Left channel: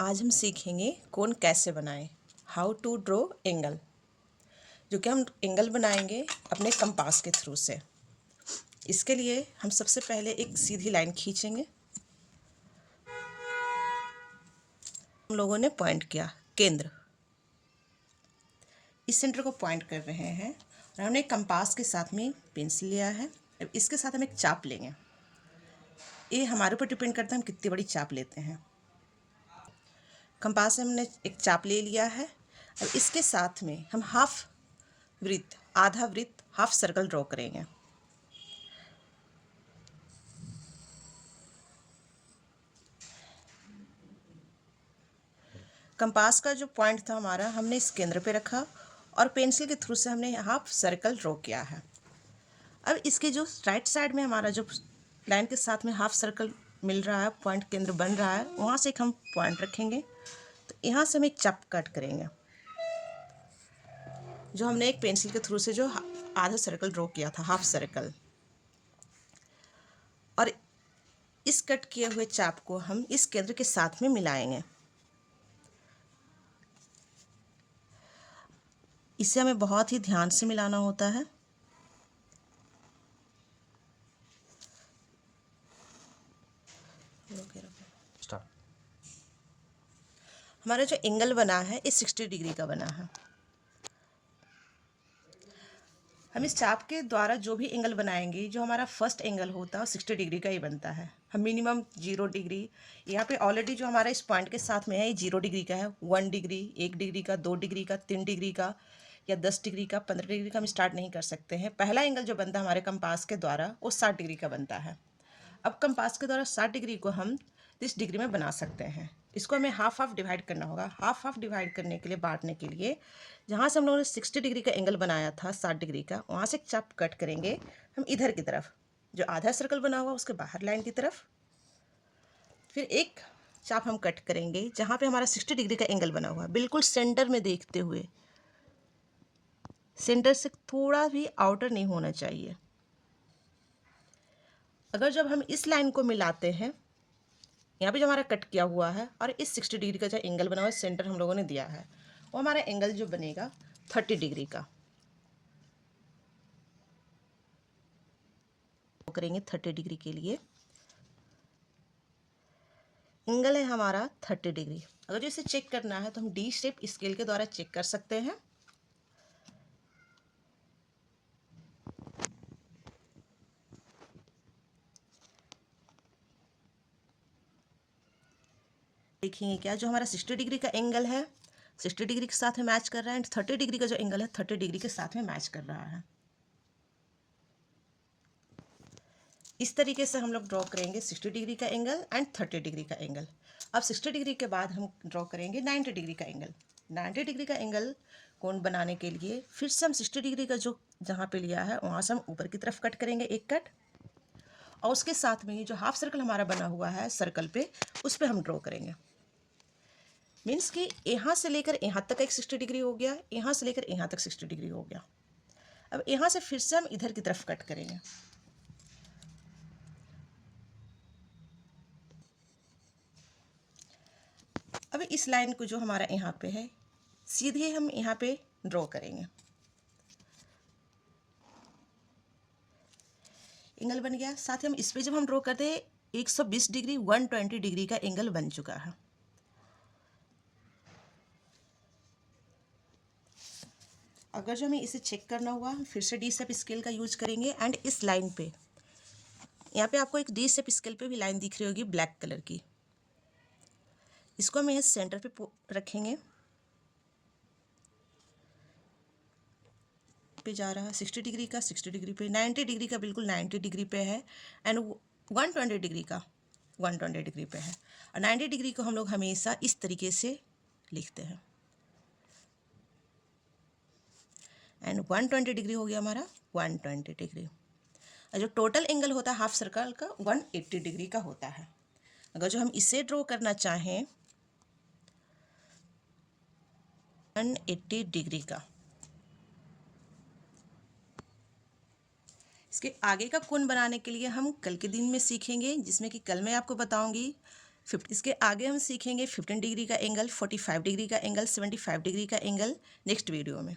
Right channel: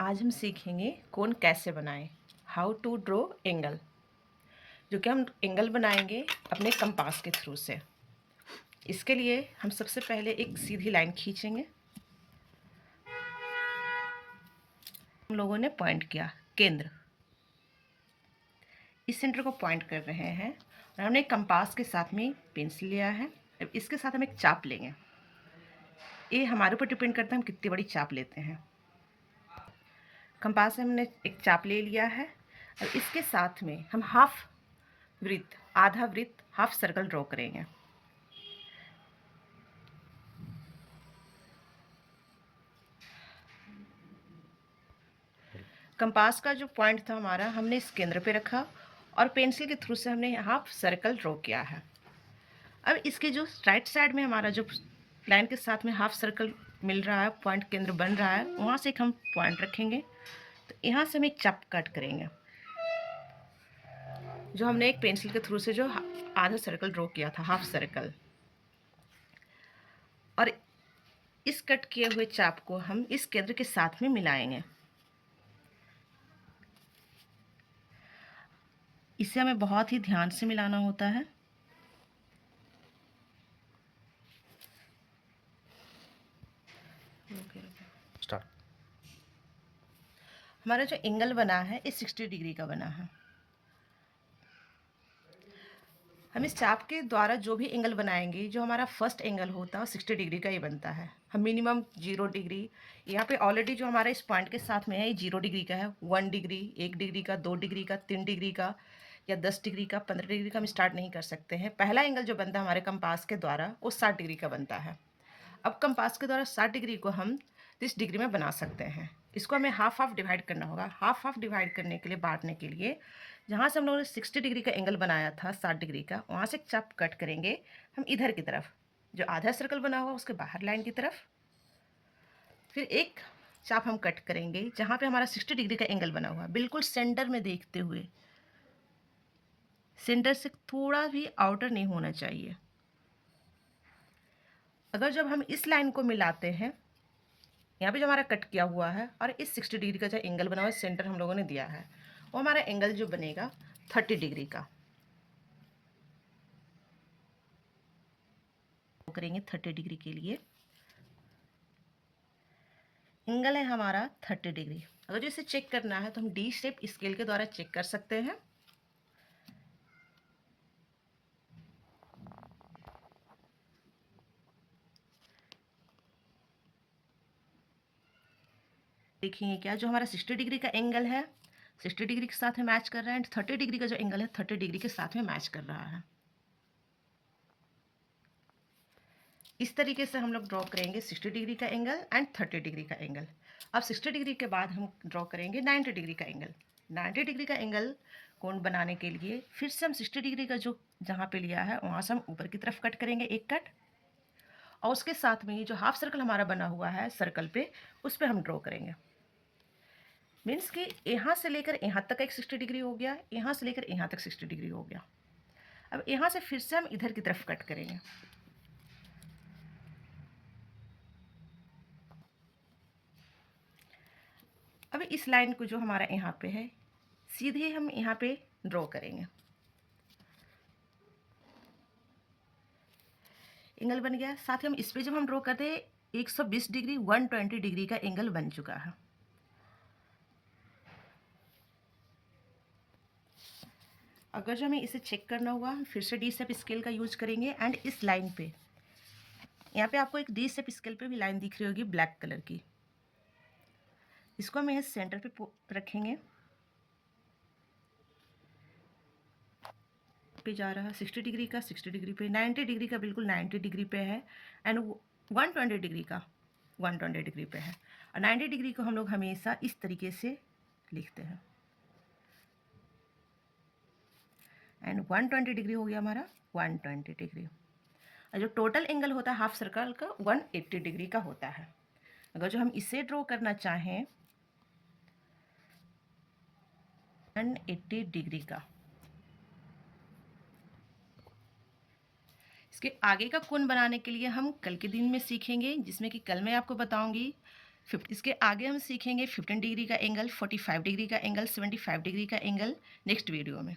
आज हम सीखेंगे कोन कैसे बनाएं, हाउ टू ड्रॉ एंगल। जो कि हम एंगल बनाएंगे अपने कंपास के थ्रू से। इसके लिए हम सबसे पहले एक सीधी लाइन खींचेंगे। हम लोगों ने पॉइंट किया केंद्र, इस सेंटर को पॉइंट कर रहे हैं और हमने एक कंपास के साथ में पेंसिल लिया है। अब इसके साथ हम एक चाप लेंगे। ये हमारे ऊपर डिपेंड करता है हम कितनी बड़ी चाप लेते हैं। कंपास से हमने एक चाप ले लिया है और इसके साथ में हम हाफ वृत्त, आधा वृत्त, हाफ सर्कल ड्रॉ करेंगे। कंपास का जो पॉइंट था हमारा, हमने इस केंद्र पे रखा और पेंसिल के थ्रू से हमने हाफ सर्कल ड्रॉ किया है। अब इसके जो राइट साइड में हमारा जो लाइन के साथ में हाफ सर्कल मिल रहा है, पॉइंट केंद्र बन रहा है, वहाँ से एक हम पॉइंट रखेंगे। तो यहाँ से हम एक चाप कट करेंगे, जो हमने एक पेंसिल के थ्रू से जो आधा सर्कल ड्रॉ किया था, हाफ सर्कल। और इस कट किए हुए चाप को हम इस केंद्र के साथ में मिलाएंगे। इसे हमें बहुत ही ध्यान से मिलाना होता है। स्टार्ट। हमारा जो एंगल बना है इस 60 डिग्री का बना है। हम इस चाप के द्वारा जो भी एंगल बनाएंगे, जो हमारा फर्स्ट एंगल होता है 60 डिग्री का ही बनता है। हम मिनिमम 0 डिग्री, यहाँ पे ऑलरेडी जो हमारा इस पॉइंट के साथ में है ये 0 डिग्री का है। 1 डिग्री, 1 डिग्री का, 2 डिग्री का, 3 डिग्री का या 10 डिग्री का, 15 डिग्री का हम स्टार्ट नहीं कर सकते हैं। पहला एंगल जो बनता है हमारे कंपास के द्वारा वो 60 डिग्री का बनता है। अब कंपास के द्वारा 60 डिग्री को हम 30 डिग्री में बना सकते हैं। इसको हमें हाफ हाफ डिवाइड करना होगा। हाफ हाफ डिवाइड करने के लिए, बांटने के लिए, जहाँ से हम लोगों ने 60 डिग्री का एंगल बनाया था 60 डिग्री का, वहाँ से एक चाप कट करेंगे हम इधर की तरफ, जो आधा सर्कल बना हुआ उसके बाहर लाइन की तरफ। फिर एक चाप हम कट करेंगे जहाँ पे हमारा 60 डिग्री का एंगल बना हुआ, बिल्कुल सेंटर में देखते हुए। सेंटर से थोड़ा भी आउटर नहीं होना चाहिए। अगर जब हम इस लाइन को मिलाते हैं, यहाँ पे जो हमारा कट किया हुआ है और इस 60 डिग्री का जो एंगल बना हुआ है, सेंटर हम लोगों ने दिया है, वो हमारा एंगल जो बनेगा 30 डिग्री का। करेंगे 30 डिग्री के लिए एंगल है हमारा 30 डिग्री। अगर जो इसे चेक करना है तो हम डी शेप स्केल के द्वारा चेक कर सकते हैं। देखेंगे क्या जो हमारा 60 डिग्री का एंगल है 60 डिग्री के साथ में मैच कर रहा है, एंड 30 डिग्री का जो एंगल है 30 डिग्री के साथ में मैच कर रहा है। इस तरीके से हम लोग ड्रॉ करेंगे 60 डिग्री का एंगल एंड 30 डिग्री का एंगल। अब 60 डिग्री के बाद हम ड्रॉ करेंगे 90 डिग्री का एंगल। 90 डिग्री का एंगल कोण बनाने के लिए फिर से हम 60 डिग्री का जो जहाँ पे लिया है वहाँ से हम ऊपर की तरफ कट करेंगे एक कट, और उसके साथ में ही जो हाफ सर्कल हमारा बना हुआ है सर्कल पे, उस पर हम ड्रॉ करेंगे। मीन्स कि यहाँ से लेकर यहाँ तक एक 60 डिग्री हो गया, यहाँ से लेकर यहाँ तक 60 डिग्री हो गया। अब यहाँ से फिर से हम इधर की तरफ कट करेंगे। अब इस लाइन को जो हमारा यहाँ पे है सीधे हम यहाँ पे ड्रॉ करेंगे। एंगल बन गया। साथ ही हम इस पे जब हम ड्रॉ करते हैं 120 डिग्री 120 डिग्री का एंगल बन चुका है। अगर जो हमें इसे चेक करना हुआ हम फिर से डी शेप स्केल का यूज करेंगे एंड इस लाइन पे, यहाँ पे आपको एक डी शेप स्केल पे भी लाइन दिख रही होगी ब्लैक कलर की, इसको हम यहाँ सेंटर पे रखेंगे। पे जा रहा है 60 डिग्री का, 60 डिग्री पे, 90 डिग्री का बिल्कुल 90 डिग्री पे है, एंड 120 डिग्री का 120 डिग्री पे है। और 90 डिग्री को हम लोग हमेशा इस तरीके से लिखते हैं। एंड 120 डिग्री हो गया हमारा 120 डिग्री। और जो टोटल एंगल होता है हाफ सर्कल का 180 डिग्री का होता है। अगर जो हम इसे ड्रॉ करना चाहें 180 डिग्री का, इसके आगे का कोण बनाने के लिए हम कल के दिन में सीखेंगे, जिसमें कि कल मैं आपको बताऊंगी इसके आगे हम सीखेंगे 15 डिग्री का एंगल, 45 डिग्री का एंगल, 75 डिग्री का एंगल नेक्स्ट वीडियो में।